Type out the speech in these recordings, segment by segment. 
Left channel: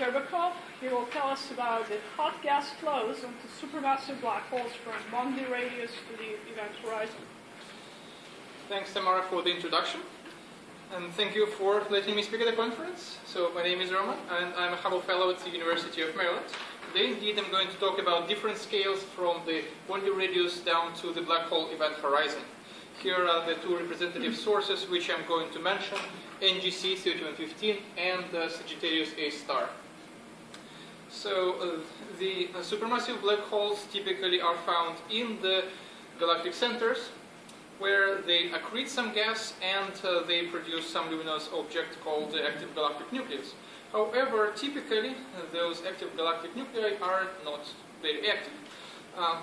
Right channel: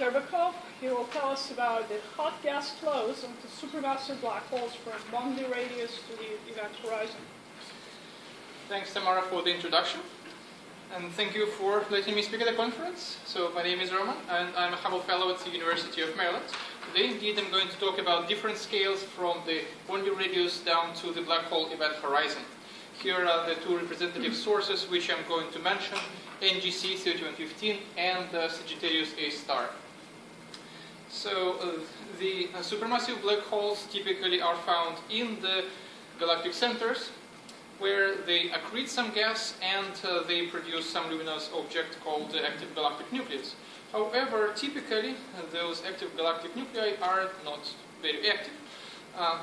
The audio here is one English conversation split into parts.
Shcherbakov. He will tell us about the hot gas flows into supermassive black holes from boundary radius to the event horizon. Thanks, Tamara, for the introduction. And thank you for letting me speak at the conference. So my name is Roman, and I'm a Hubble Fellow at the University of Maryland. Today, indeed, I'm going to talk about different scales from the boundary radius down to the black hole event horizon. Here are the two representative sources which I'm going to mention, NGC 3115 and Sagittarius A star. So the supermassive black holes typically are found in the galactic centers, where they accrete some gas and they produce some luminous object called the active galactic nucleus. However, typically those active galactic nuclei are not very active.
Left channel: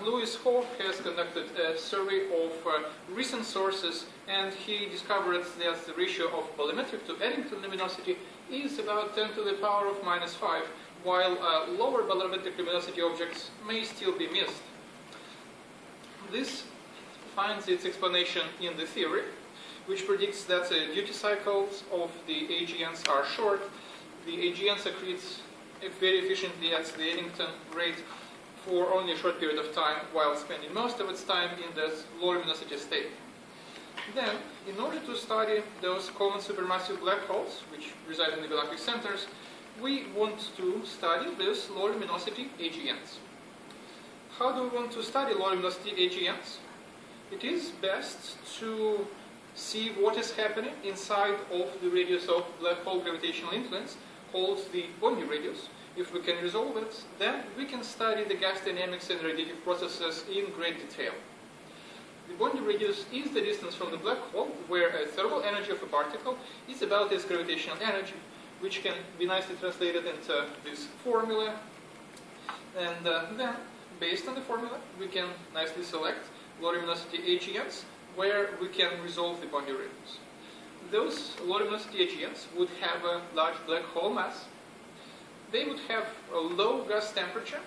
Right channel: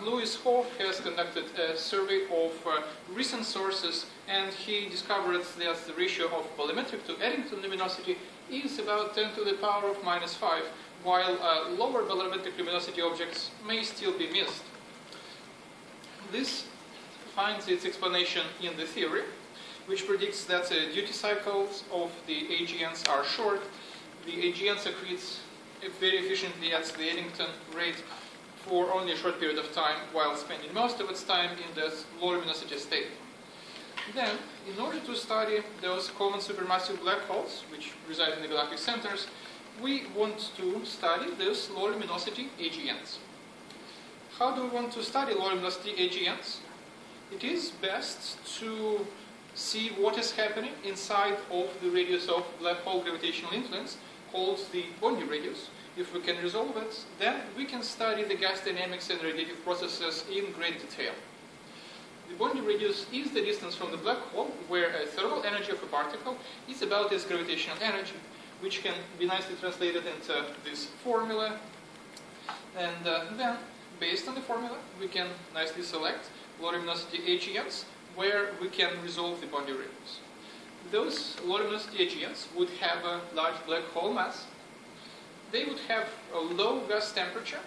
Louis Hoff has conducted a survey of recent sources, and he discovered that the ratio of bolometric to Eddington luminosity is about 10 to the power of -5, while lower bolometric luminosity objects may still be missed. This finds its explanation in the theory, which predicts that the duty cycles of the AGNs are short. The AGN secretes very efficiently at the Eddington rate for only a short period of time, while spending most of its time in the low luminosity state. Then, in order to study those common supermassive black holes, which reside in the galactic centers, we want to study those low luminosity AGNs. How do we want to study low luminosity AGNs? It is best to see what is happening inside of the radius of black hole gravitational influence, called the boundary radius. If we can resolve it, then we can study the gas dynamics and radiative processes in great detail. The boundary radius is the distance from the black hole, where a thermal energy of a particle is about its gravitational energy, which can be nicely translated into this formula. And then, based on the formula, we can nicely select low luminosity AGNs, where we can resolve the boundary radius. Those low luminosity AGNs would have a large black hole mass. They would have a low gas temperature.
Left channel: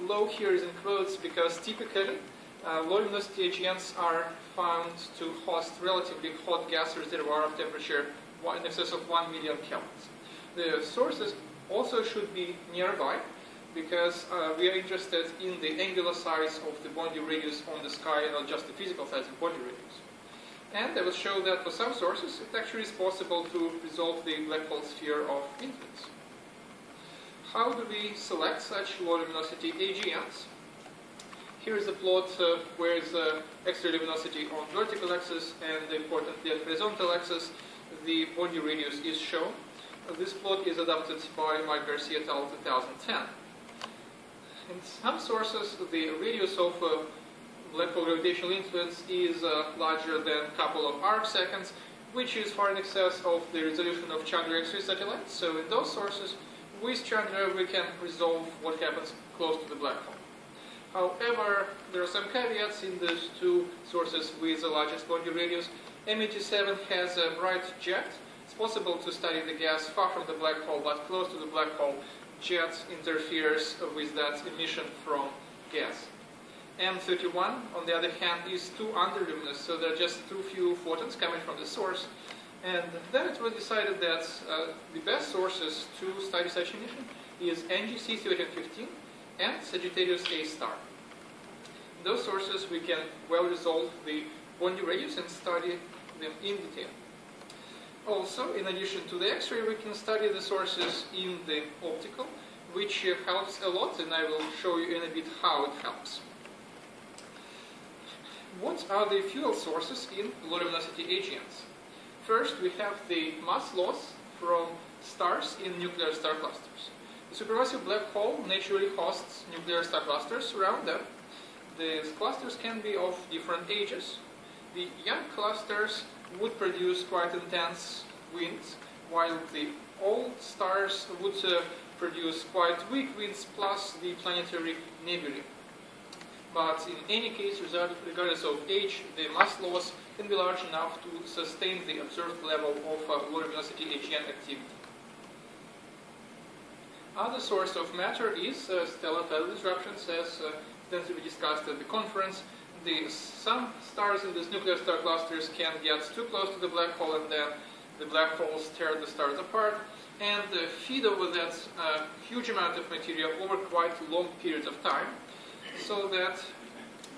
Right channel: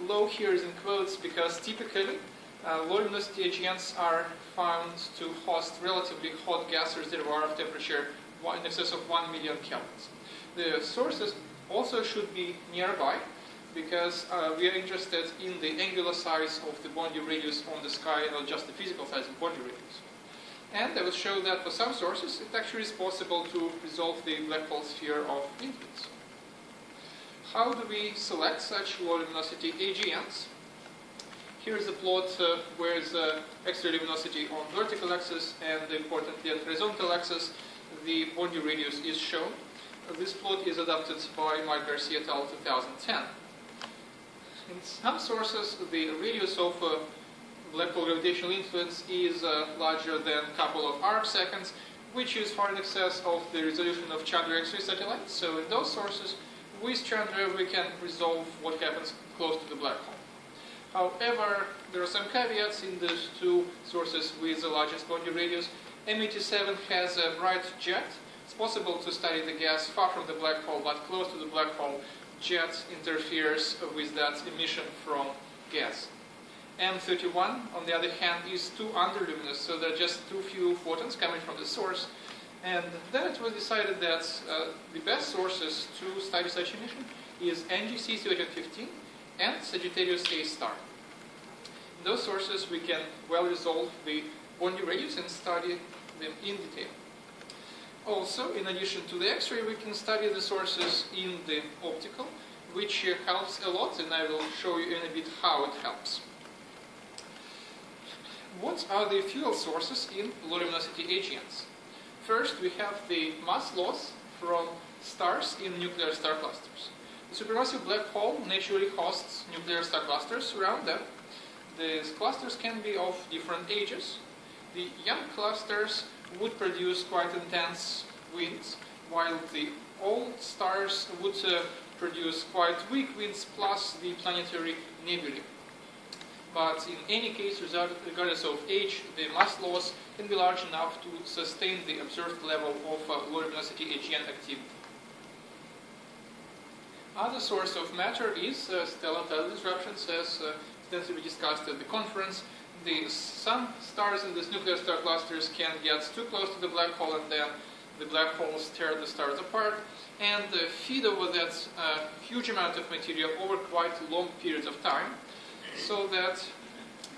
Low here is in quotes because typically low luminosity AGNs are found to host relatively hot gas reservoir of temperature in excess of 1 million kelvins. The sources also should be nearby, because we are interested in the angular size of the boundary radius on the sky, not just the physical size of boundary radius. And I will show that for some sources it actually is possible to resolve the black hole sphere of influence. How do we select such low luminosity AGNs? Here is a plot where the X-ray luminosity on vertical axis and, importantly, on horizontal axis, the boundary radius is shown. This plot is adapted by Mike Garcia et al. 2010. In some sources, the radius of black hole gravitational influence is larger than a couple of arc seconds, which is far in excess of the resolution of Chandra X-ray satellites. So in those sources, with Chandra, we can resolve what happens close to the black hole. However, there are some caveats in those two sources with the largest boundary radius. M87 has a bright jet. It's possible to study the gas far from the black hole, but close to the black hole, jet interferes with that emission from gas. M31, on the other hand, is too underluminous, so there are just too few photons coming from the source. And then it was decided that the best sources to study such emission is NGC 3115 and Sagittarius A star. In those sources, we can well resolve the boundary radius and study them in detail. Also, in addition to the X-ray, we can study the sources in the optical, which helps a lot, and I will show you in a bit how it helps. What are the fuel sources in low luminosity AGNs? First, we have the mass loss from stars in nuclear star clusters. The supermassive black hole naturally hosts nuclear star clusters around them. These clusters can be of different ages. The young clusters would produce quite intense winds, while the old stars would produce quite weak winds plus the planetary nebulae. But in any case, regardless of age, the mass loss can be large enough to sustain the observed level of low luminosity AGN activity. Other source of matter is stellar tidal disruptions, as extensively discussed at the conference. Some stars in these nuclear star clusters can get too close to the black hole, and then the black holes tear the stars apart and feed over that huge amount of material over quite long periods of time, so that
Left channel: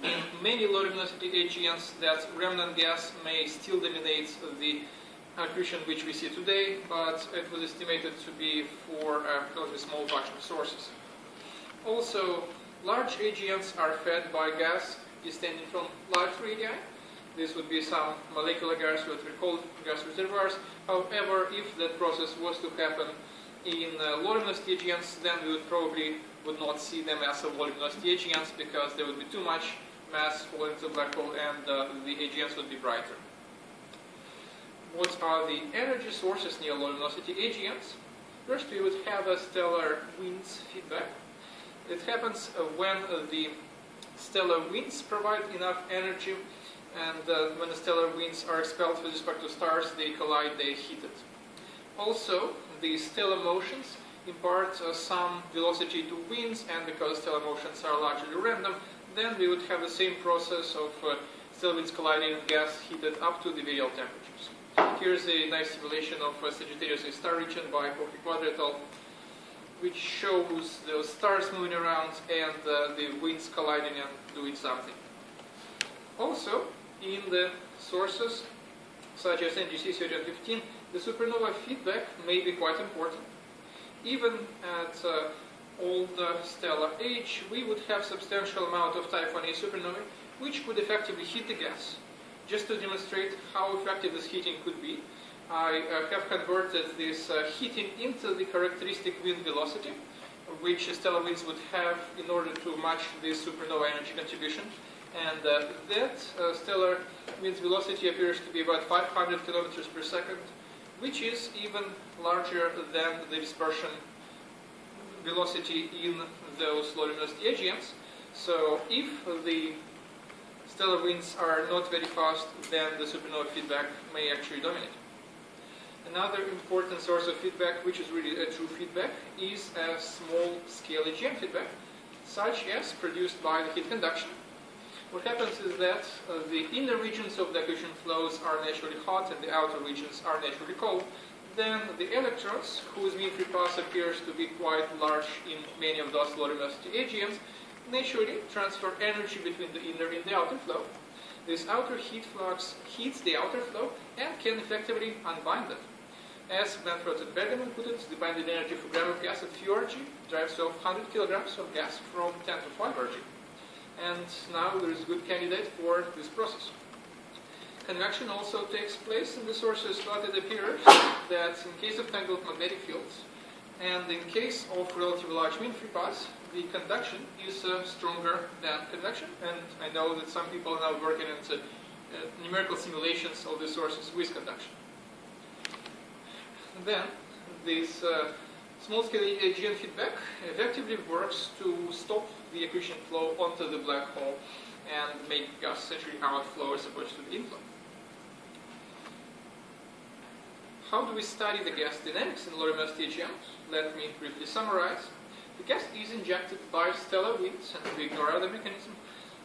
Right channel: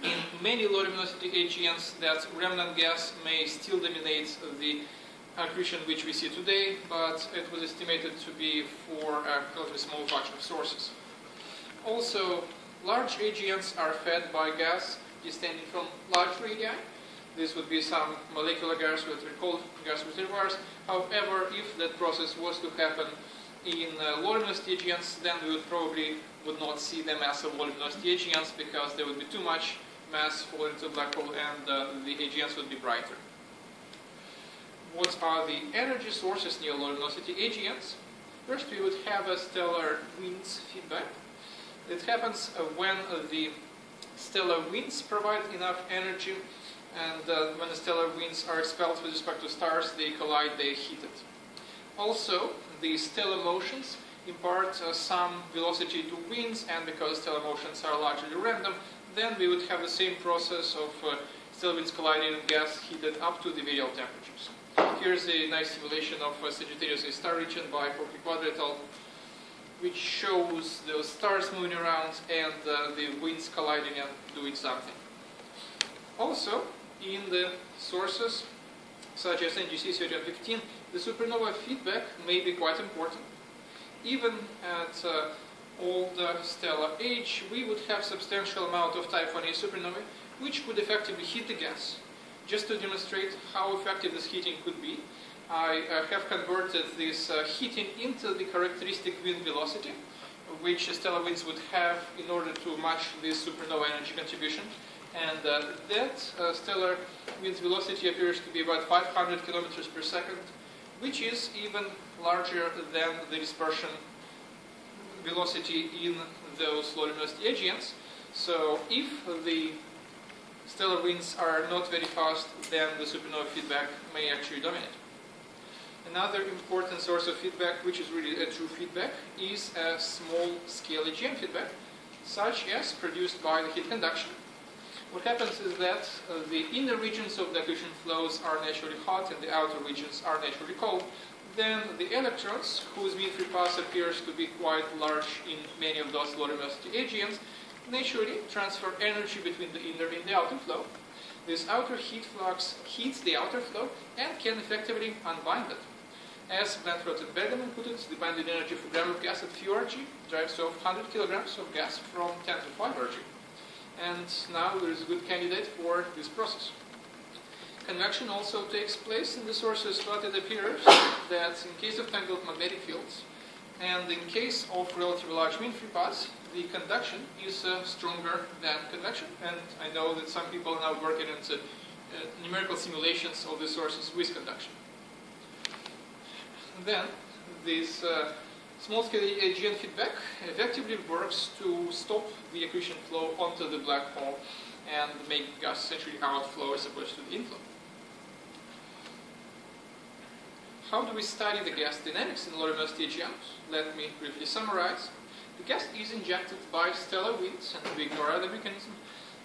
in many low luminosity AGNs that remnant gas may still dominate the accretion which we see today, but it was estimated to be for a relatively small batch of sources. Also, large AGNs are fed by gas descending from large radii. This would be some molecular gas, what we call gas reservoirs. However, if that process was to happen in low luminosity AGNs, then we would not see them as low luminosity AGNs, because there would be too much mass falling into the black hole and the AGNs would be brighter. What are the energy sources near low luminosity AGNs? First, we would have a stellar winds feedback. It happens when the stellar winds provide enough energy, and when the stellar winds are expelled with respect to stars, they collide, they heat it. Also, the stellar motions impart some velocity to winds, and because stellar motions are largely random, then we would have the same process of stellar winds colliding and gas heated up to the very low temperatures. Here's a nice simulation of Sagittarius A star region by Poppy et al., which shows the stars moving around and the winds colliding and doing something. Also, in the sources such as NGC 1315, the supernova feedback may be quite important. Even at old stellar age, we would have substantial amount of Type 1a supernovae which could effectively heat the gas. Just to demonstrate how effective this heating could be, I have converted this heating into the characteristic wind velocity, which stellar winds would have in order to match this supernova energy contribution. And that stellar wind's velocity appears to be about 500 kilometers per second, which is even larger than the dispersion velocity in those low luminosity AGNs. So if the stellar winds are not very fast, then the supernova feedback may actually dominate. Another important source of feedback, which is really a true feedback, is a small-scale AGN feedback, such as produced by the heat conduction. What happens is that the inner regions of the accretion flows are naturally hot and the outer regions are naturally cold. Then the electrons, whose mean free path appears to be quite large in many of those low luminosity AGNs, naturally transfer energy between the inner and the outer flow. This outer heat flux heats the outer flow and can effectively unbind it. As Blanford and Bergman put it, the binding energy for gram of gas at few Rg drives off 100 kilograms of gas from 10 to 5 Rg. And now there is a good candidate for this process. Convection also takes place in the sources, but it appears that in case of tangled magnetic fields and in case of relatively large mean free paths, the conduction is stronger than convection. And I know that some people are now working on numerical simulations of the sources with conduction. And then this small-scale AGN feedback effectively works to stop the accretion flow onto the black hole and make gas essentially outflow as opposed to the inflow. How do we study the gas dynamics in low luminosity AGNs? Let me briefly summarize. The gas is injected by stellar winds, and we ignore other mechanisms.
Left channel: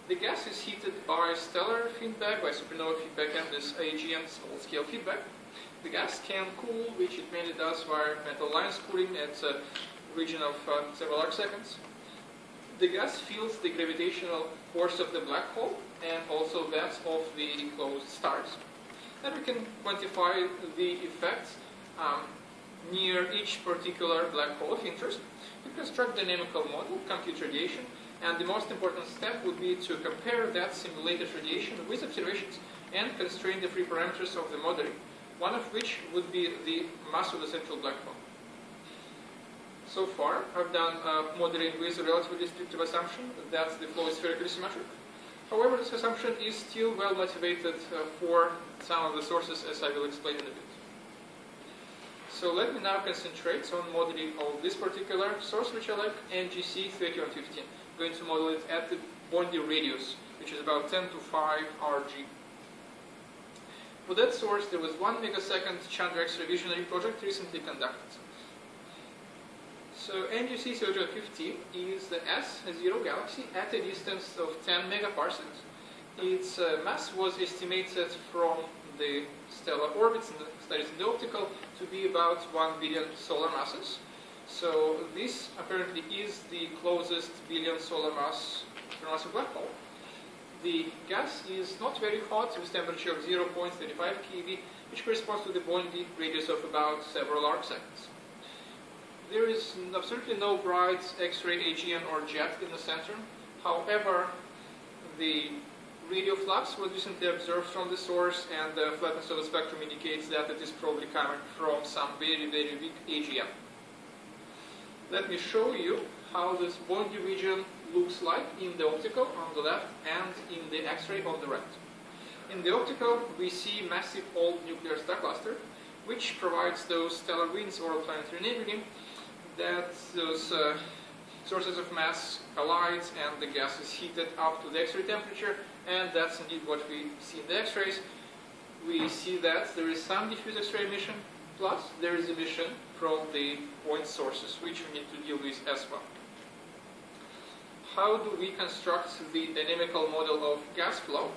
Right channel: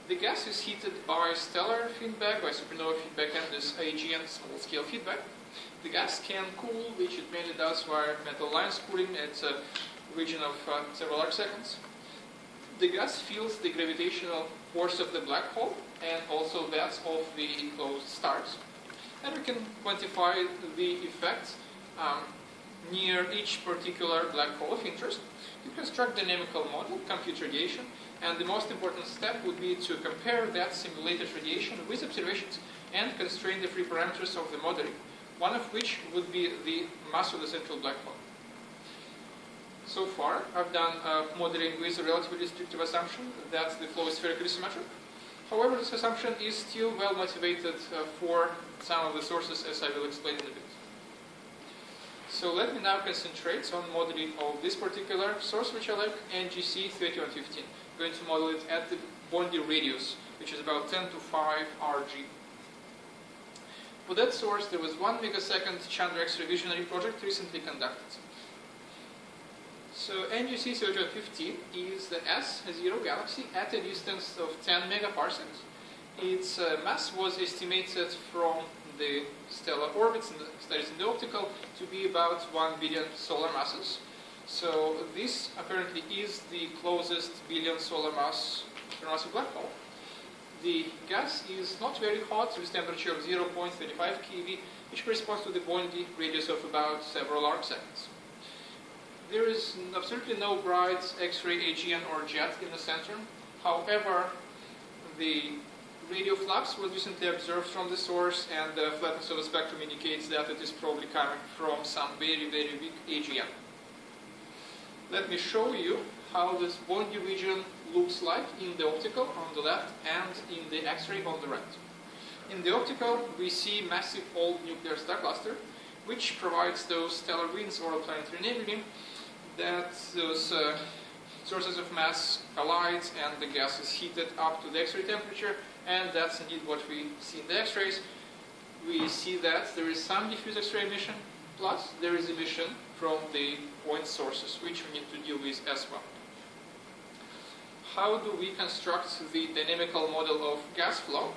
The gas is heated by stellar feedback, by supernova feedback, and this AGN small-scale feedback. The gas can cool, which it mainly does via metal lines cooling at a region of several arc seconds. The gas feels the gravitational force of the black hole and also that of the enclosed stars. And we can quantify the effects near each particular black hole of interest. We construct a dynamical model, compute radiation, and the most important step would be to compare that simulated radiation with observations and constrain the free parameters of the modeling, one of which would be the mass of the central black hole. So far, I've done modeling with a relatively restrictive assumption that the flow is spherically symmetric. However, this assumption is still well motivated for some of the sources, as I will explain in a bit. So let me now concentrate on modeling of this particular source, which I like, NGC 3115. I'm going to model it at the Bondi radius, which is about 10 to 5 Rg. For that source, there was 1 megasecond Chandra X revisionary project recently conducted. So NGC 3115 is the S0 galaxy at a distance of 10 megaparsecs. Its mass was estimated from the stellar orbits and the studies in the optical to be about 1 billion solar masses. So this apparently is the closest billion solar mass supermassive black hole. The gas is not very hot with temperature of 0.35 keV, which corresponds to the Bondi radius of about several arc seconds. There is absolutely no bright X-ray AGN or jet in the center. However, the radio flux was recently observed from the source, and the flatness of the spectrum indicates that it is probably coming from some very, very big AGN. Let me show you how this Bondi region looks like in the optical on the left and in the X-ray on the right. In the optical, we see massive old nuclear star cluster, which provides those stellar winds or planetary nebulae that those sources of mass collide and the gas is heated up to the X-ray temperature, and that's indeed what we see in the X-rays. We see that there is some diffuse X-ray emission, plus there is emission from the point sources, which we need to deal with as well. How do we construct the dynamical model of gas flow?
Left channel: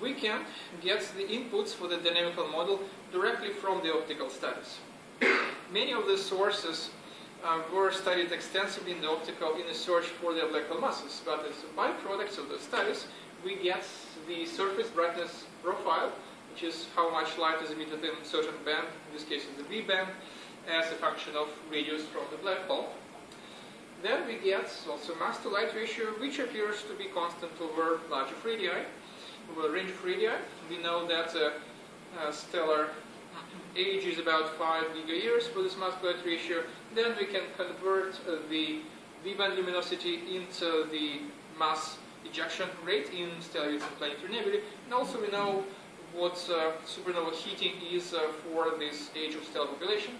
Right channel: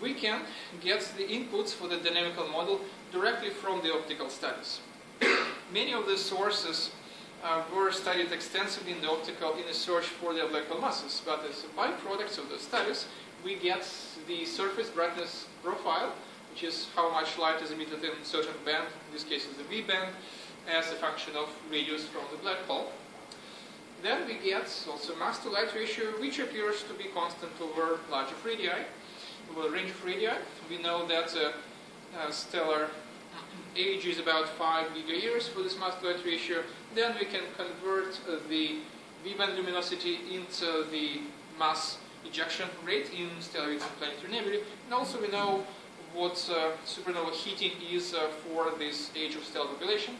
We can get the inputs for the dynamical model directly from the optical studies. Many of the sources were studied extensively in the optical in a search for their black hole masses, but as a byproduct of the studies, we get the surface brightness profile, which is how much light is emitted in a certain band, in this case it's the V band, as a function of radius from the black hole. Then we get also mass to light ratio, which appears to be constant over large of radii, over the range of radii. We know that stellar age is about 5 gigayears for this mass to light ratio. Then we can convert the V-band luminosity into the mass ejection rate in stellar and planetary nebulae. And also we know what supernova heating is for this age of stellar population.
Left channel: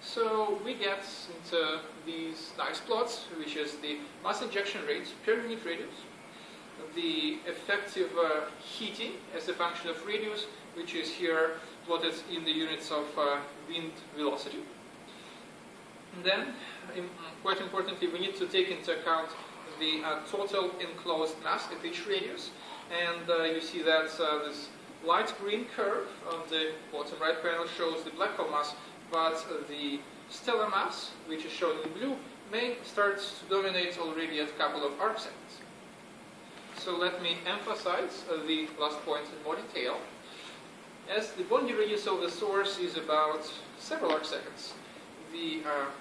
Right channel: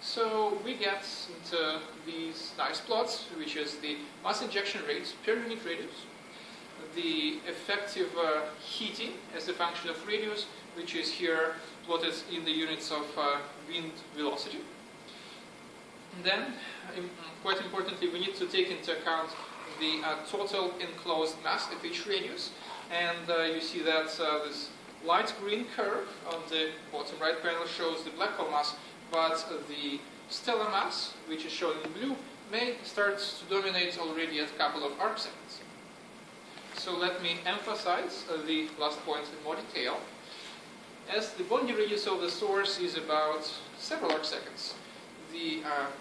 So we get into these nice plots, which is the mass ejection rate per unit radius, the effective heating as a function of radius, which is here plotted in the units of wind velocity. And then, quite importantly, we need to take into account the total enclosed mass at each radius. And you see that this light green curve on the bottom right panel shows the black hole mass, but the stellar mass, which is shown in blue, may start to dominate already at a couple of arc seconds. So let me emphasize the last point in more detail. As the Bondi radius of the source is about several arc seconds, the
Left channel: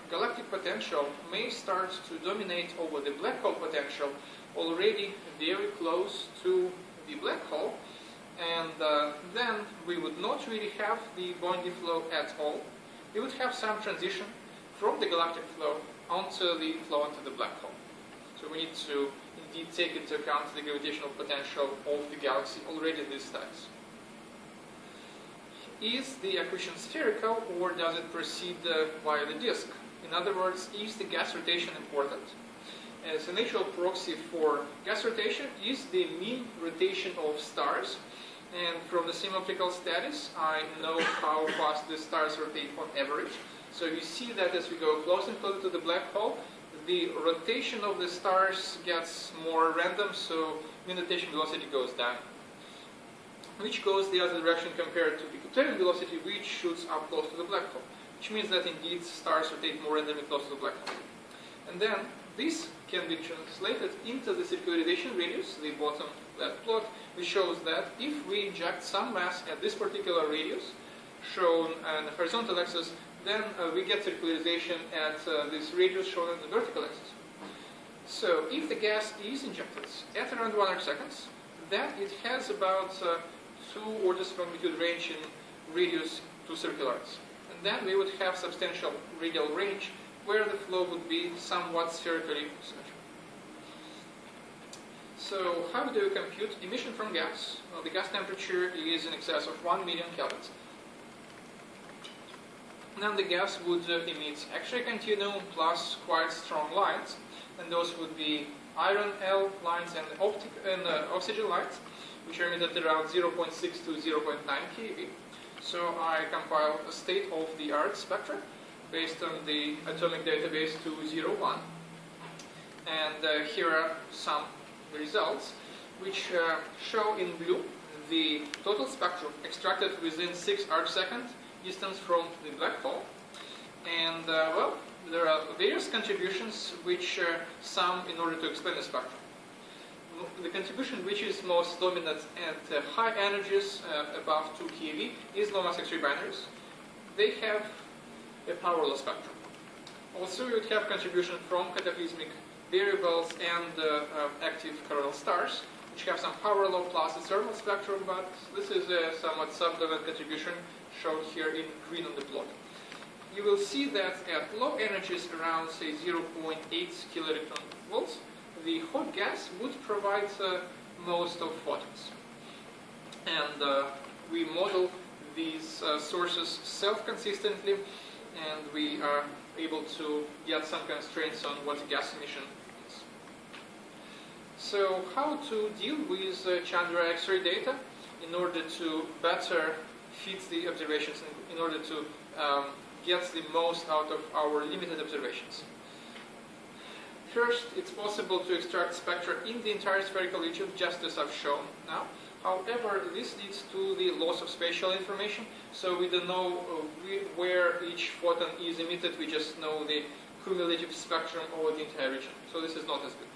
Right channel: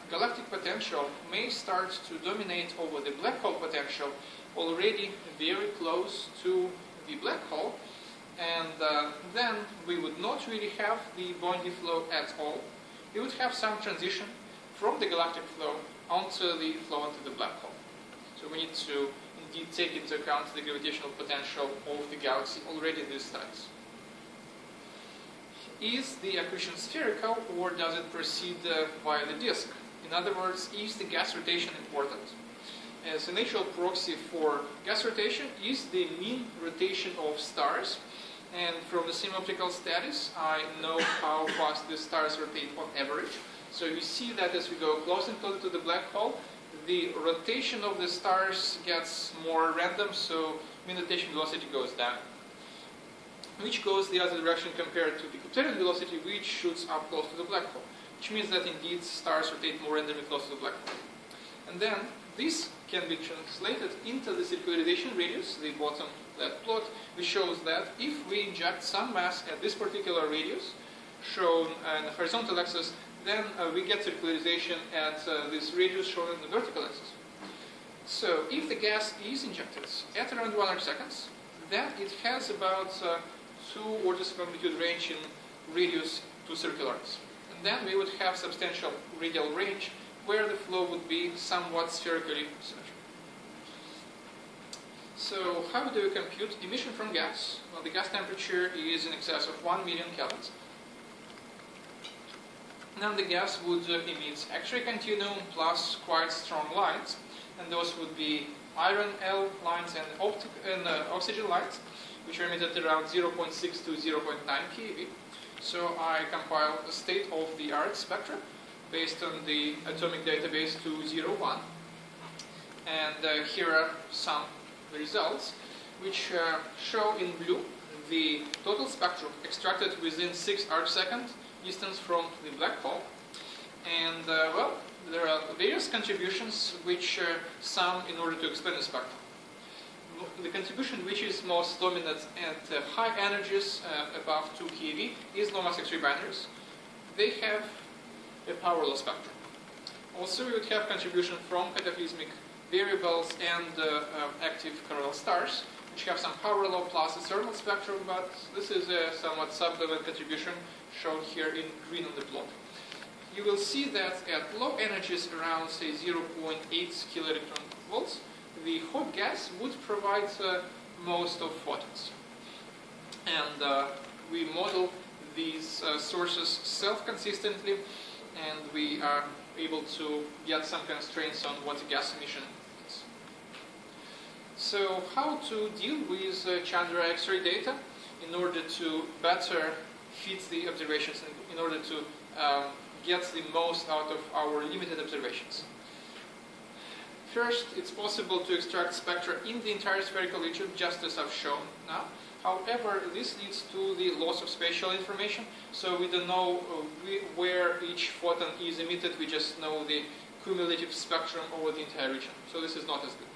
galactic potential may start to dominate over the black hole potential already very close to the black hole, and then we would not really have the Bondi flow at all. We would have some transition from the galactic flow onto the flow into the black hole. So we need to indeed take into account the gravitational potential of the galaxy already in these studies. Is the accretion spherical, or does it proceed via the disk? In other words, is the gas rotation important? As a natural proxy for gas rotation is the mean rotation of stars. And from the same optical studies, I know how fast the stars rotate on average. So you see that as we go closer and closer to the black hole, the rotation of the stars gets more random, so mean rotation velocity goes down, which goes the other direction compared to the Keplerian velocity, which shoots up close to the black hole, which means that indeed stars rotate more randomly close to the black hole. And then this can be translated into the circularization radius, the bottom left plot, which shows that if we inject some mass at this particular radius, shown on the horizontal axis, then we get circularization at this radius shown on the vertical axis. So if the gas is injected at around 1 arc seconds, then it has about 2 orders of magnitude range in radius to circulars. And then we would have substantial radial range where the flow would be somewhat spherically symmetrical. So how do we compute emission from gas? Well, the gas temperature is in excess of 1 million kelvins. Then the gas would emit X-ray continuum plus quite strong lights, and those would be iron L lines and oxygen lights, which are emitted around 0.6 to 0.9 keV. So I compile a state-of-the-art spectra based on the atomic database 201. And here are some results, which show in blue the total spectrum extracted within 6 arcsecond distance from the black hole. And well, there are various contributions which sum in order to explain the spectrum. The contribution which is most dominant at high energies above 2 keV is low mass X-ray binaries. They have a power law spectrum. Also, you have contribution from cataclysmic variables and active coronal stars, which have some power law plus a thermal spectrum, but this is a somewhat subdominant contribution shown here in green on the plot. You will see that at low energies around, say, 0.8 kiloelectron volts, the hot gas would provide most of photons. And we model these sources self-consistently, and we are able to get some constraints on what gas emission is. So how to deal with Chandra X-ray data in order to better fit the observations, in order to get the most out of our limited observations? First, it's possible to extract spectra in the entire spherical region, just as I've shown now. However, this leads to the loss of spatial information, so we don't know where each photon is emitted, we just know the cumulative spectrum over the entire region. So this is not as good.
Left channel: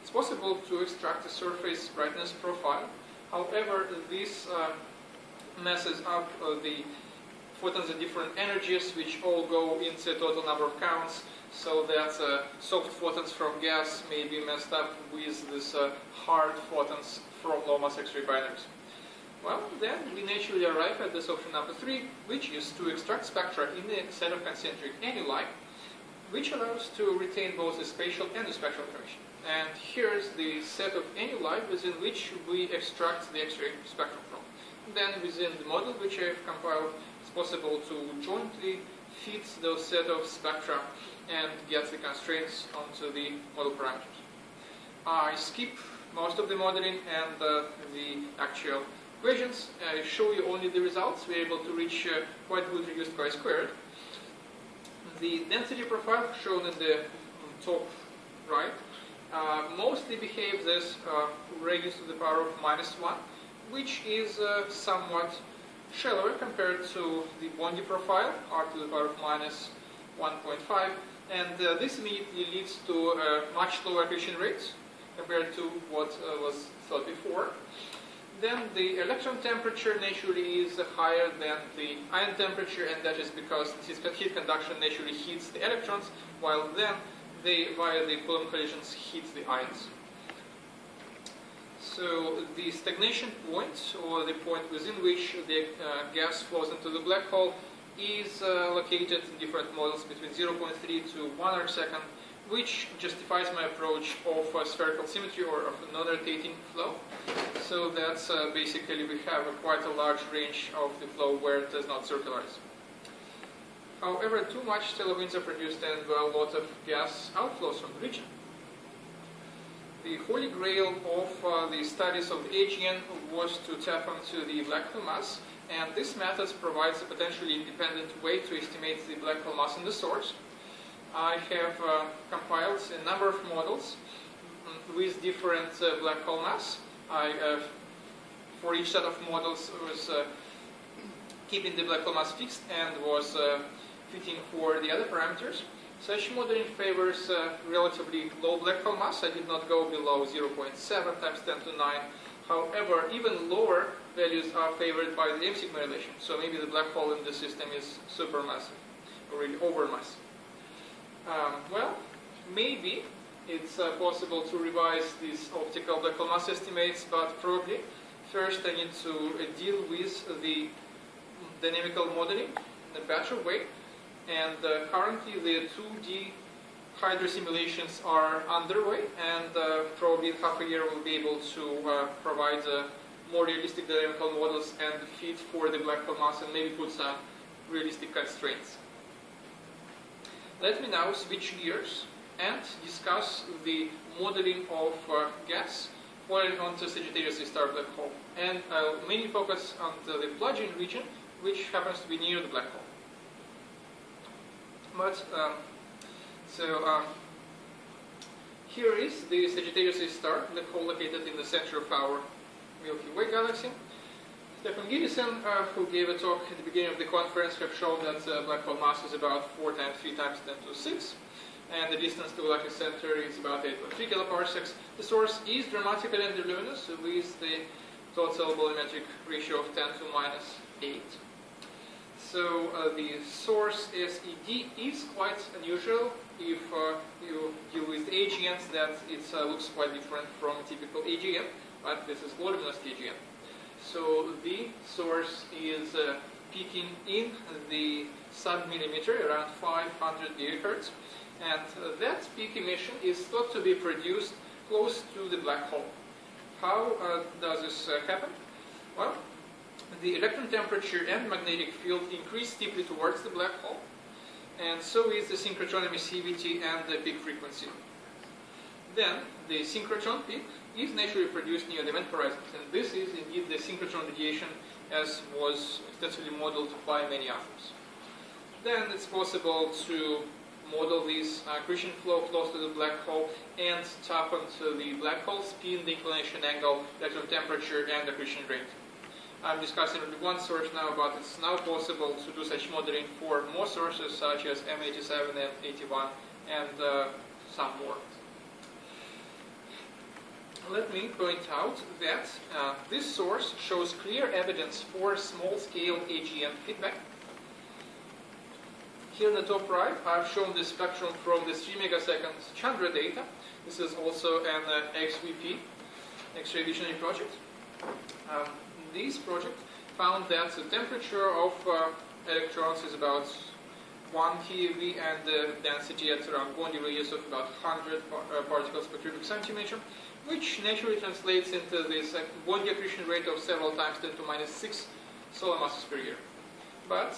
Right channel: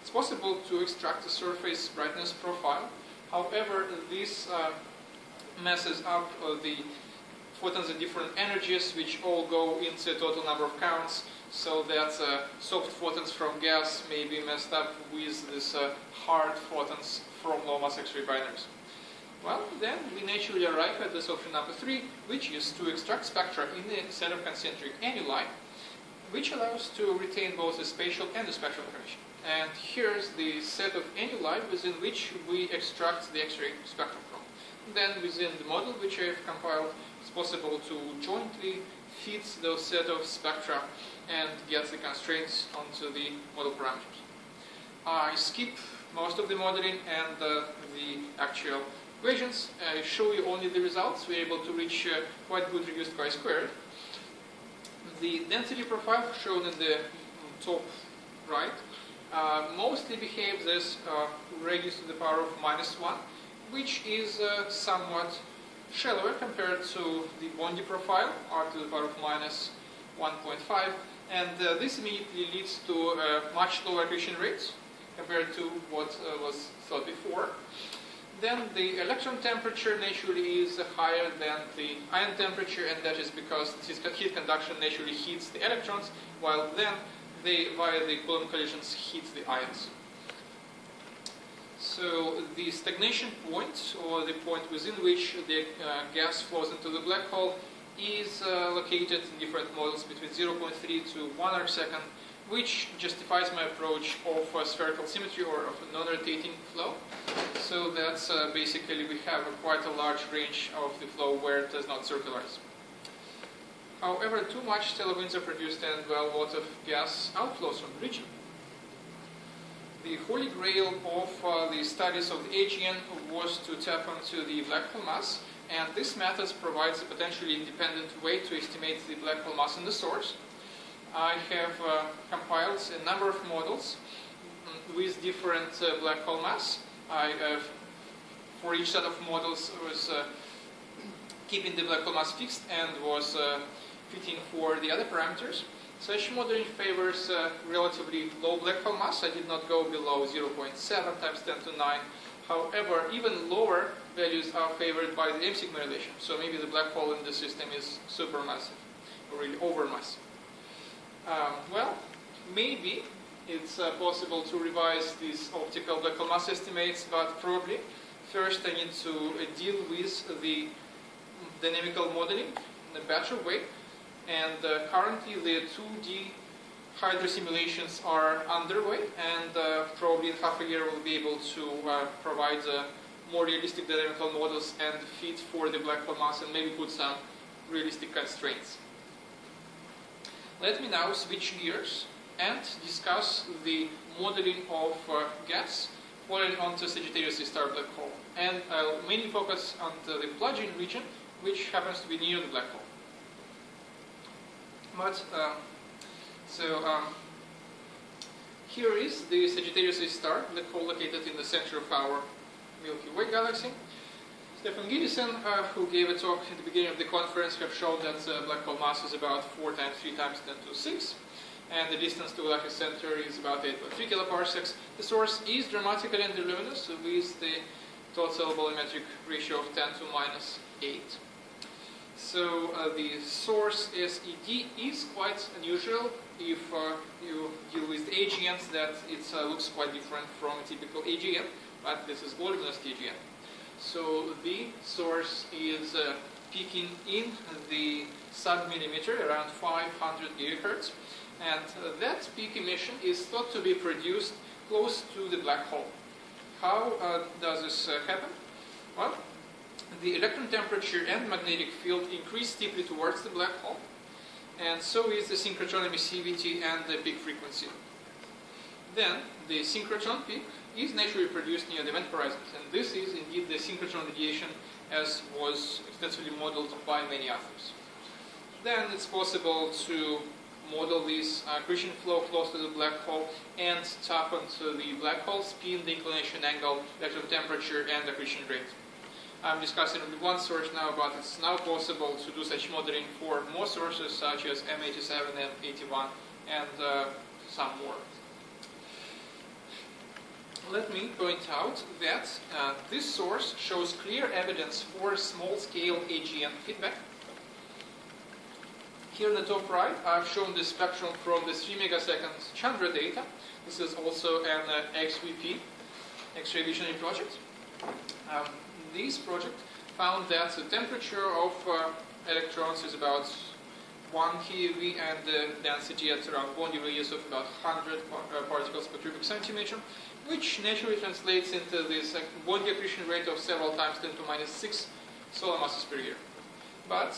It's possible to extract a surface brightness profile. However, this messes up the photons at different energies, which all go into a total number of counts, so that soft photons from gas may be messed up with these hard photons from low mass X-ray binaries. Well, then we naturally arrive at this option number 3, which is to extract spectra in a set of concentric annuli, which allows to retain both the spatial and the spectral information. And here's the set of annuli within which we extract the X-ray spectrum from. And then within the model which I have compiled, it's possible to jointly fit those set of spectra and get the constraints onto the model parameters. I skip most of the modeling and the actual equations. I show you only the results. We're able to reach quite good reduced chi-squared. The density profile shown in the top right mostly behaves as radius to the power of -1, which is somewhat shallower compared to the Bondi profile, r to the power of -1.5, and this immediately leads to a much lower accretion rate compared to what was thought before. Then the electron temperature naturally is higher than the ion temperature, and that is because this heat conduction naturally heats the electrons, while then they, via the Coulomb collisions, heat the ions. So the stagnation point, or the point within which the gas flows into the black hole, is located in different models between 0.3 to 1 arcsecond, which justifies my approach of spherical symmetry or of a non-rotating flow. So that's basically we have quite a large range of the flow where it does not circularize. However, too much stellar winds are produced and a lot of gas outflows from the region. The holy grail of the studies of the AGN was to tap onto the black hole mass, and this method provides a potentially independent way to estimate the black hole mass in the source. I have compiled a number of models with different black hole mass. For each set of models was keeping the black hole mass fixed and was fitting for the other parameters. Such modeling favors relatively low black hole mass. I did not go below 0.7 times 10 to 9. However, even lower values are favored by the M-sigma relation. So maybe the black hole in the system is supermassive, or really overmassive. Well, maybe it's possible to revise these optical black hole mass estimates, but probably first I need to deal with the dynamical modeling in a better way. And currently the 2D hydro simulations are underway, and probably in half a year we'll be able to provide more realistic dynamical models and fit for the black hole mass and maybe put some realistic constraints. Let me now switch gears and discuss the modeling of gas falling onto Sagittarius star black hole. And I'll mainly focus on the plug-in region, which happens to be near the black hole. But, here is the Sagittarius star black hole located in the center of our Milky Way galaxy. Stefan Giddison, who gave a talk at the beginning of the conference, have shown that black hole mass is about 4 times 3 times 10 to the 6, and the distance to the galactic center is about 8.3 kiloparsecs. The source is dramatically underluminous with the total volumetric ratio of 10 to minus 8. So the source SED is quite unusual. If you deal with AGNs, that it looks quite different from a typical AGN, but this is voluminous AGN. So the source is peaking in the sub-millimeter, around 500 gigahertz, and that peak emission is thought to be produced close to the black hole. How does this happen? Well, the electron temperature and magnetic field increase steeply towards the black hole, and so is the synchrotron emissivity and the peak frequency. Then the synchrotron peak is naturally produced near the event horizon, and this is indeed the synchrotron radiation as was extensively modeled by many authors. Then it's possible to model this accretion flow close to the black hole and tap onto the black hole spin, the inclination angle, electron temperature, and accretion rate. I'm discussing only one source now, but it's now possible to do such modeling for more sources such as M87 and 81 and some more. Let me point out that this source shows clear evidence for small-scale AGN feedback. Here in the top right, I've shown the spectrum from the 3 megaseconds Chandra data. This is also an XVP, X-ray visionary project. This project found that the temperature of electrons is about 1 keV and the density at around bond radius of about 100 particles per cubic centimeter, which naturally translates into this bond accretion rate of several times 10 to minus 6 solar masses per year. But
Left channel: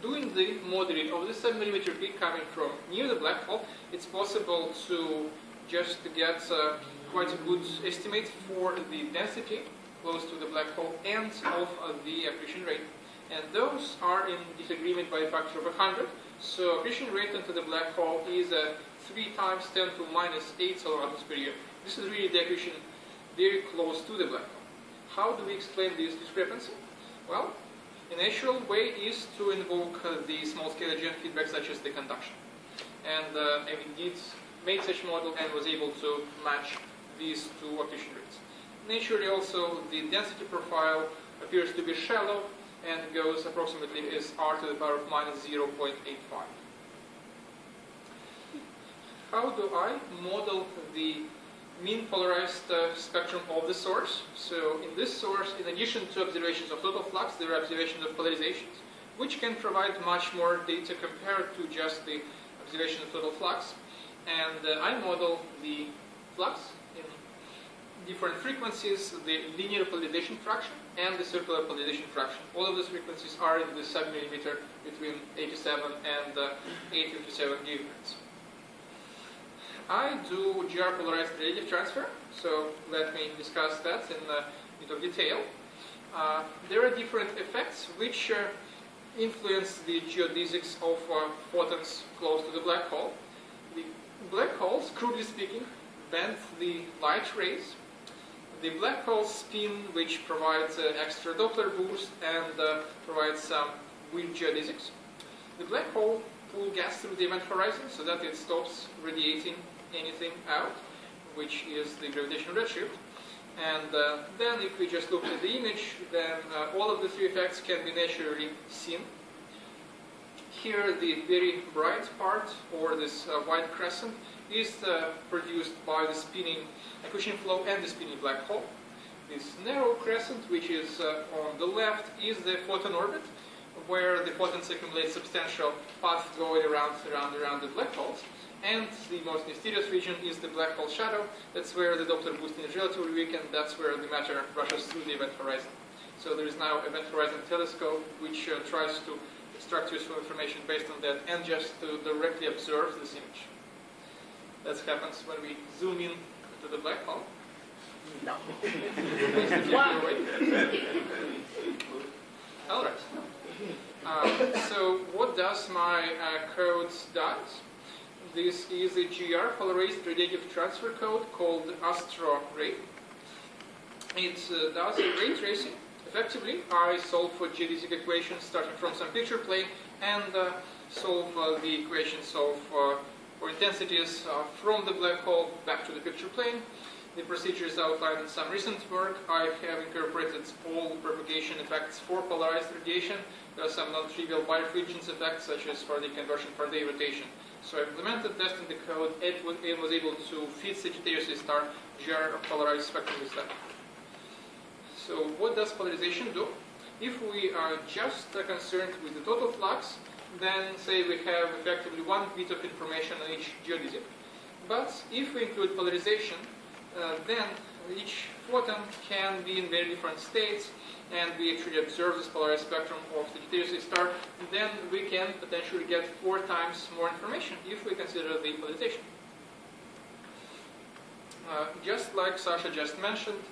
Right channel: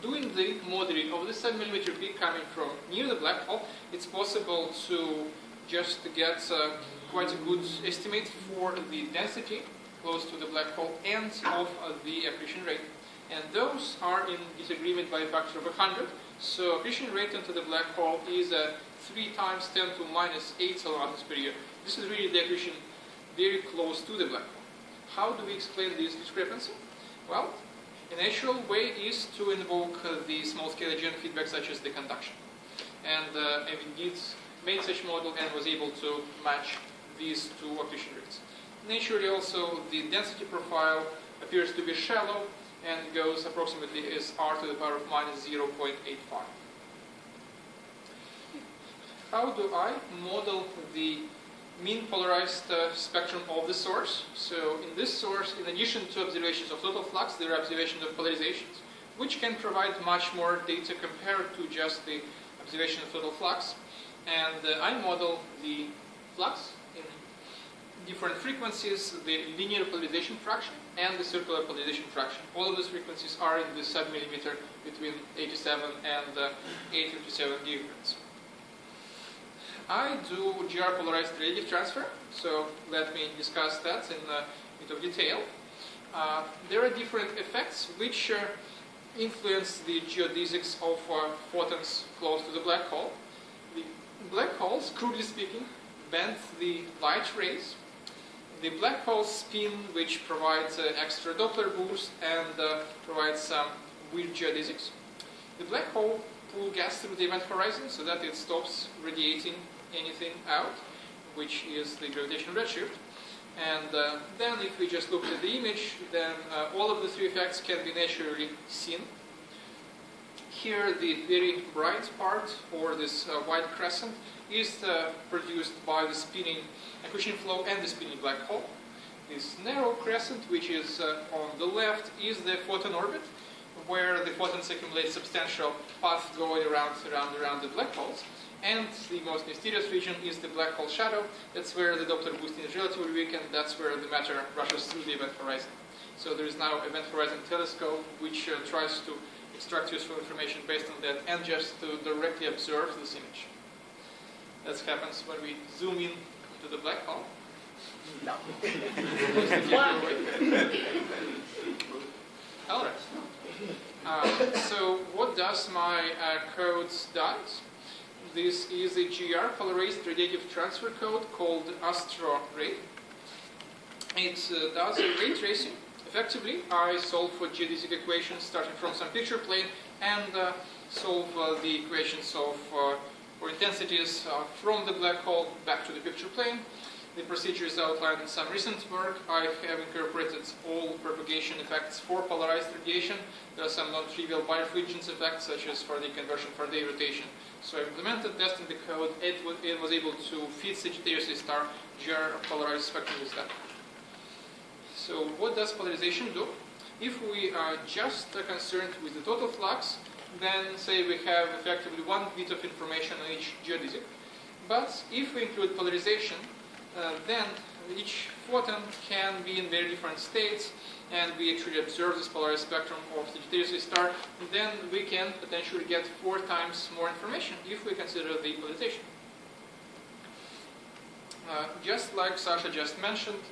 doing the modeling of the sub-millimeter peak coming from near the black hole, it's possible to just get quite a good estimate for the density close to the black hole and of the accretion rate. And those are in disagreement by a factor of 100. So accretion rate into the black hole is 3 times 10 to minus 8 solar masses per year. This is really the accretion very close to the black hole. How do we explain this discrepancy? Well, a natural way is to invoke the small-scale AGN feedback such as the conduction. And indeed made such model and was able to match these two accretion rates. Naturally also the density profile appears to be shallow and goes approximately as r to the power of minus 0.85. How do I model the mean polarized spectrum of the source? So in this source, in addition to observations of total flux, there are observations of polarizations, which can provide much more data compared to just the observation of total flux. And I model the flux in different frequencies, the linear polarization fraction and the circular polarization fraction. All of those frequencies are in the sub-millimeter between 87 and 857 gigahertz. I do GR polarized radiative transfer, so let me discuss that in a bit of detail. There are different effects which influence the geodesics of photons close to the black hole. The black holes, crudely speaking, bend the light rays. The black hole spin, which provides an extra Doppler boost and provides some weird geodesics. The black hole pulls gas through the event horizon so that it stops radiating anything out, which is the gravitational redshift. And then if we just look at the image, then all of the three effects can be naturally seen. Here the very bright part, or this white crescent, is produced by the spinning accretion flow and the spinning black hole. This narrow crescent, which is on the left, is the photon orbit, where the photons accumulate substantial paths going around the black holes. And the most mysterious region is the black hole shadow. That's where the Doppler boosting is relatively weak, and that's where the matter rushes through the event horizon. So there is now Event Horizon Telescope, which tries to extract useful information based on that and just to directly observe this image. That happens when we zoom in to the black hole. No. All right. So what does my code does? This is a GR polarized radiative transfer code called Astro-GR. It does a ray tracing effectively, I solve for geodesic equations starting from some picture plane and solve the equations of for intensities from the black hole back to the picture plane. The procedure is outlined in some recent work. I have incorporated all propagation effects for polarized radiation. There are some non-trivial birefringence effects, such as Faraday conversion, Faraday rotation. So I implemented, testing the code. It was able to fit Sagittarius A star GR polarized spectrum with that. So what does polarization do? If we are just concerned with the total flux, then say we have effectively 1 bit of information on each geodesic. But if we include polarization, then each photon can be in very different states, and we actually observe this polarized spectrum of Sagittarius A star, then we can potentially get 4 times more information if we consider the polarization. Just like Sasha just mentioned,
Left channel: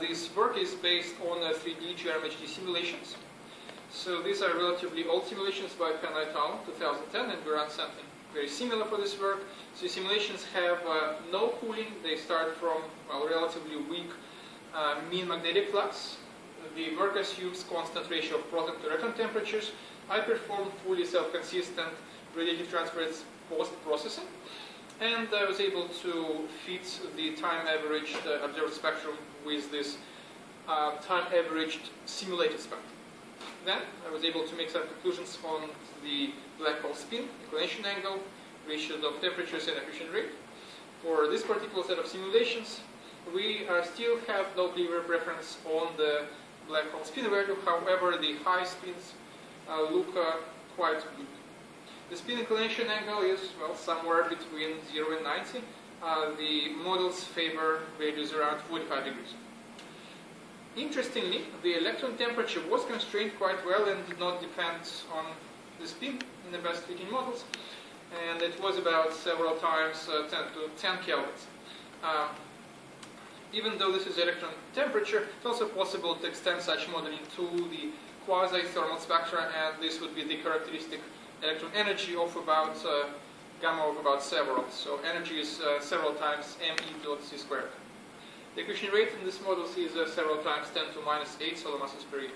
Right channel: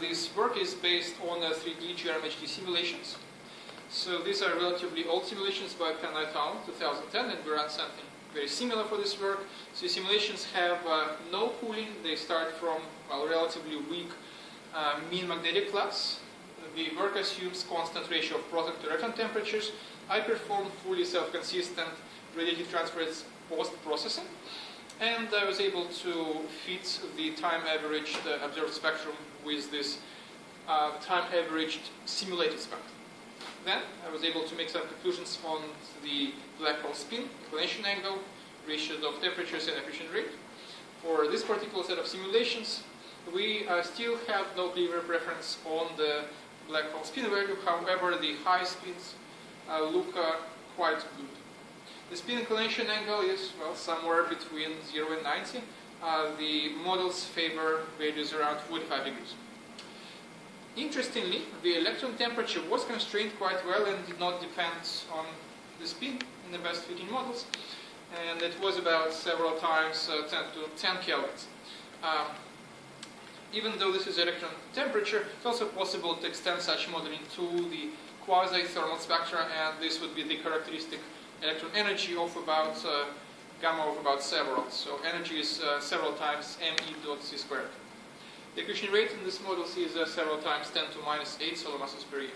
this work is based on 3D GRMHD simulations. So these are relatively old simulations by Penn et al. 2010, and we ran something very similar for this work. So simulations have no cooling. They start from relatively weak mean magnetic flux. The work assumes constant ratio of proton to electron temperatures. I performed fully self-consistent radiative transfer post-processing, and I was able to fit the time-averaged observed spectrum with this time-averaged simulated spectrum. Then I was able to make some conclusions on the black hole spin, inclination angle, ratio of temperatures, and accretion rate. For this particular set of simulations, we still have no clear preference on the black hole spin value. However, the high spins look quite good. The spin inclination angle is, well, somewhere between 0 and 90. The models favor values around 45 degrees. Interestingly, the electron temperature was constrained quite well and did not depend on the spin in the best fitting models. And it was about several times 10 kelvins. Even though this is electron temperature, it's also possible to extend such modeling to the quasi-thermal spectra, and this would be the characteristic electron energy of about gamma of about several. So energy is several times me dot c squared. The accretion rate in this model is several times 10 to minus 8 solar masses per year.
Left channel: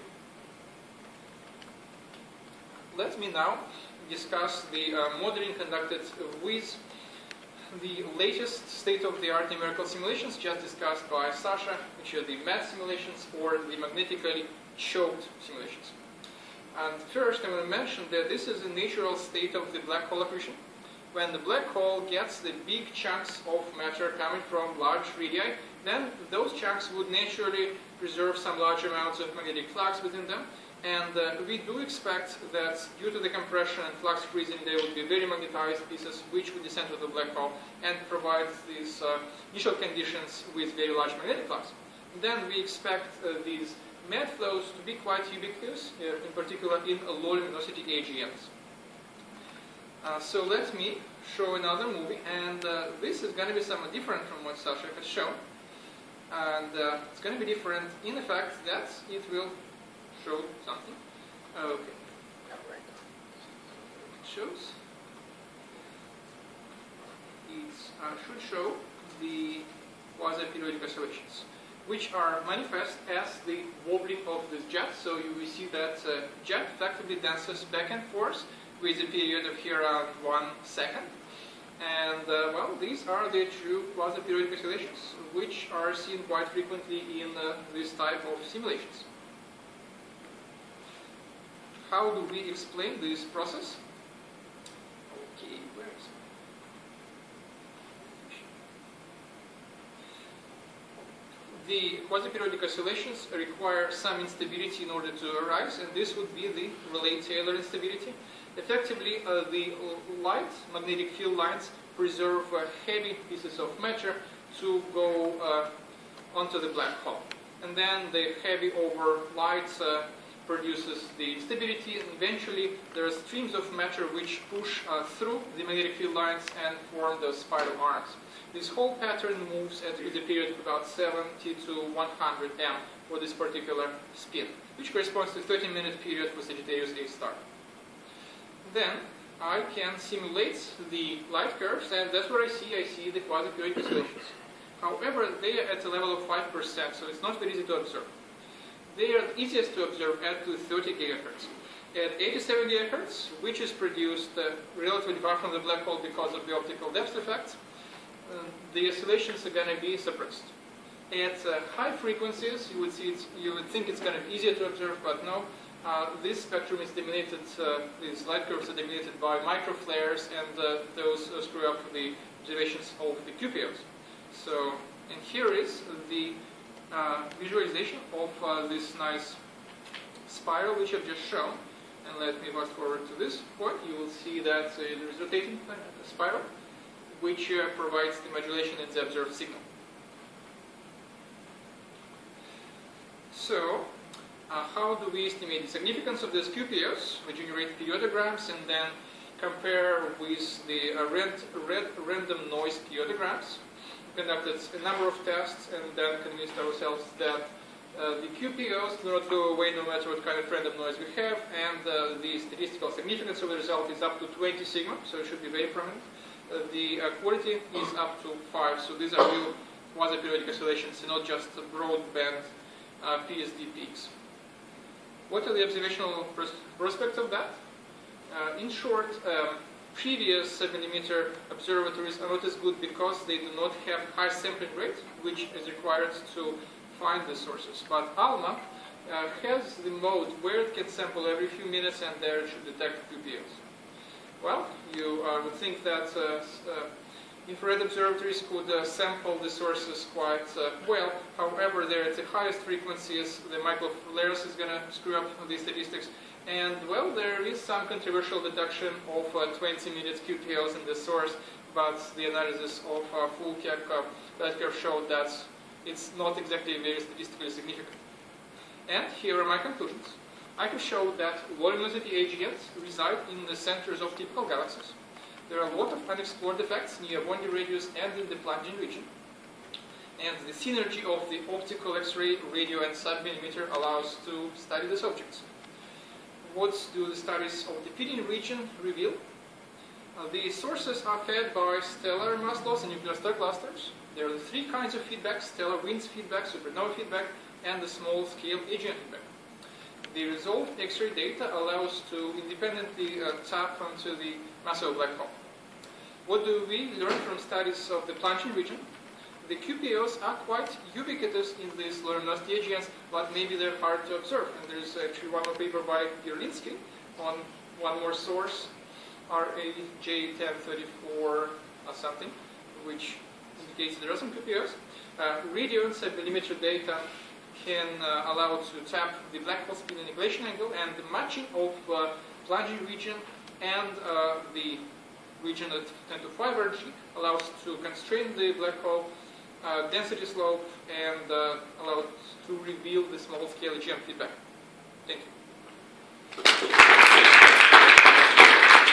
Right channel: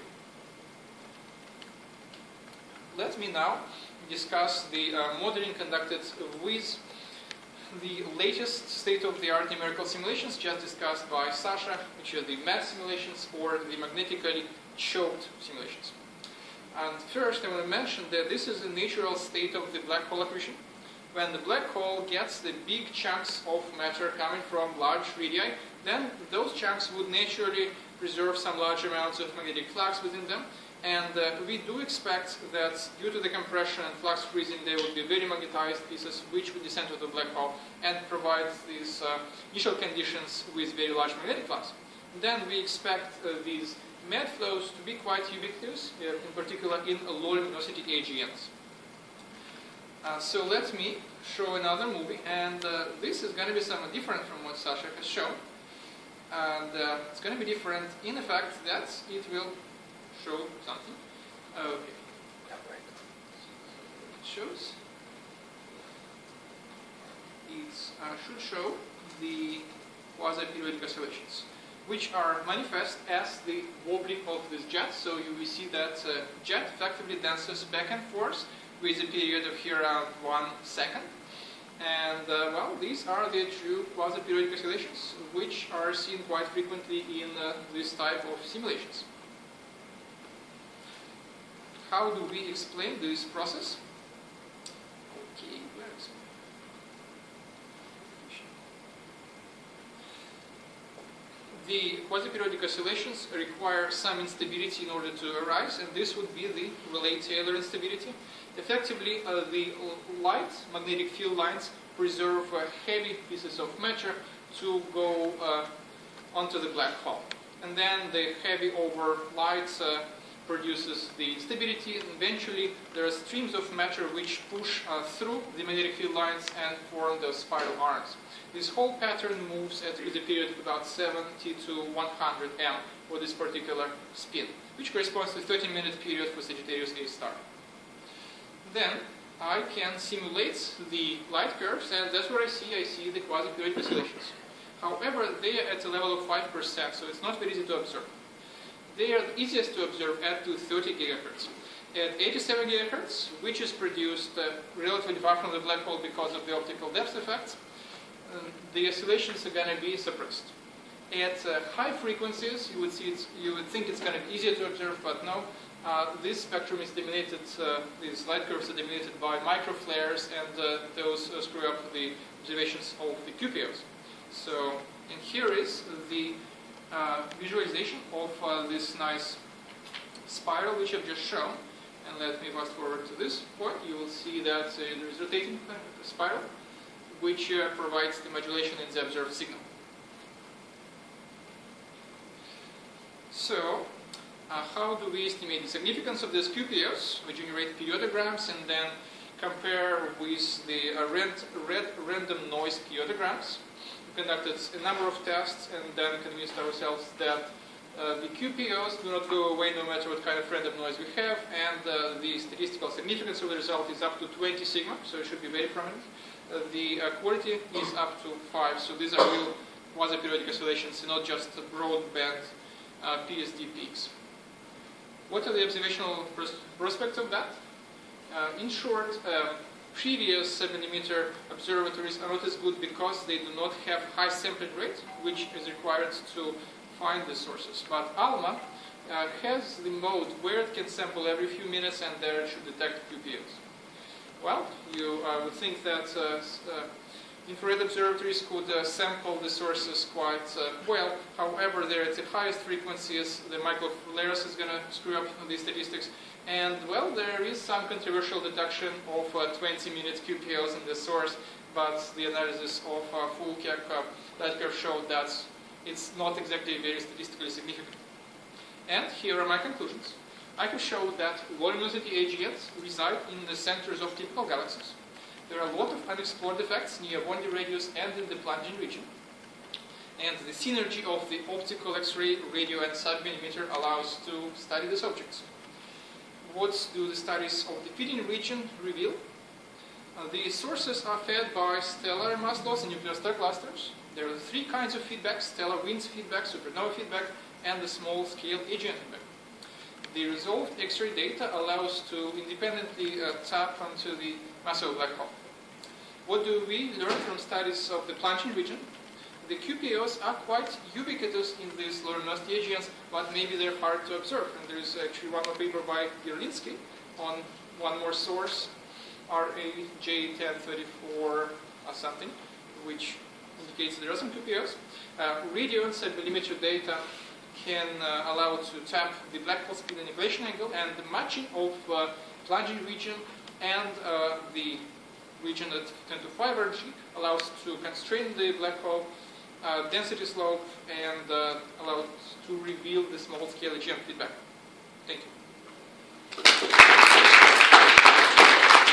Let me now discuss the modeling conducted with the latest state-of-the-art numerical simulations just discussed by Sasha, which are the math simulations or the magnetically choked simulations. And first I want to mention that this is the natural state of the black hole accretion. When the black hole gets the big chunks of matter coming from large radii, then those chunks would naturally preserve some large amounts of magnetic flux within them. And we do expect that due to the compression and flux freezing, they would be very magnetized pieces which would descend to the black hole and provide these initial conditions with very large magnetic flux. And then we expect these mad flows to be quite ubiquitous, in particular in low luminosity AGNs. So let me show another movie, and this is going to be somewhat different from what Sasha has shown. And it's going to be different in the fact that it will show something. Okay. It shows. It should show the quasi-periodic oscillations, which are manifest as the wobbling of this jet. So you will see that jet effectively dances back and forth with a period of here around 1 second. And well, these are the true quasi-periodic oscillations, which are seen quite frequently in this type of simulations. How do we explain this process? Okay, where's the quasi-periodic oscillations require some instability in order to arise, and this would be the Rayleigh-Taylor instability. Effectively, the light magnetic field lines preserve heavy pieces of matter to go onto the black hole. And then the heavy over light produces the instability, and eventually there are streams of matter which push through the magnetic field lines and form the spiral arms. This whole pattern moves at a period of about 70 to 100 M for this particular spin, which corresponds to a 30-minute period for Sagittarius A star. Then I can simulate the light curves, and that's what I see. I see the quasi-periodic oscillations. However, they are at a level of 5%, so it's not very easy to observe. They are the easiest to observe at 30 gigahertz. At 87 gigahertz, which is produced relatively far from the black hole because of the optical depth effects, the oscillations are going to be suppressed. At high frequencies, you would think it's going to be easier to observe, but no. This spectrum is dominated, these light curves are dominated by microflares, and those screw up the observations of the QPOs. So, and here is the visualization of this nice spiral which I've just shown. And let me fast forward to this point. You will see that there is rotating spiral, which provides the modulation in the observed signal. So, how do we estimate the significance of these QPOs? We generate periodograms and then compare with the random noise periodograms. We conducted a number of tests and then convinced ourselves that the QPOs do not go away no matter what kind of random noise we have, and the statistical significance of the result is up to 20 sigma, so it should be very prominent. The quality is up to 5, so these are real quasi-periodic oscillations and not just broadband PSD peaks. What are the observational prospects of that? In short, previous 7mm observatories are not as good because they do not have high sampling rate, which is required to find the sources. But ALMA has the mode where it can sample every few minutes and there it should detect QPOs. Well, you would think that infrared observatories could sample the sources quite well. However, they're at the highest frequencies, the microflares is going to screw up the statistics. And, well, there is some controversial detection of 20-minute QPOs in the source, but the analysis of full light curve showed that it's not exactly very statistically significant. And here are my conclusions. I could show that low-luminosity AGNs reside in the centers of typical galaxies. There are a lot of unexplored effects near boundary radius and in the plunging region. And the synergy of the optical X-ray, radio, and sub-millimeter allows to study these objects. What do the studies of the feeding region reveal? The sources are fed by stellar mass loss and nuclear star clusters. There are three kinds of feedback: stellar winds feedback, supernova feedback, and the small-scale AGN feedback. The resolved X-ray data allows to independently tap onto the mass of a black hole. What do we learn from studies of the plunging region? The QPOs are quite ubiquitous in these low-luminosity AGNs, but maybe they're hard to observe. And there is actually one more paper by Yerlinsky on one more source, RAJ1034 or something, which indicates there are some QPOs. Radio and sub-millimeter data can allow to tap the black hole spin and inflation angle, and the matching of plunging region and the region at 10 to 5 energy allows to constrain the black hole density slope and allow to reveal the small-scale AGN feedback. Thank you.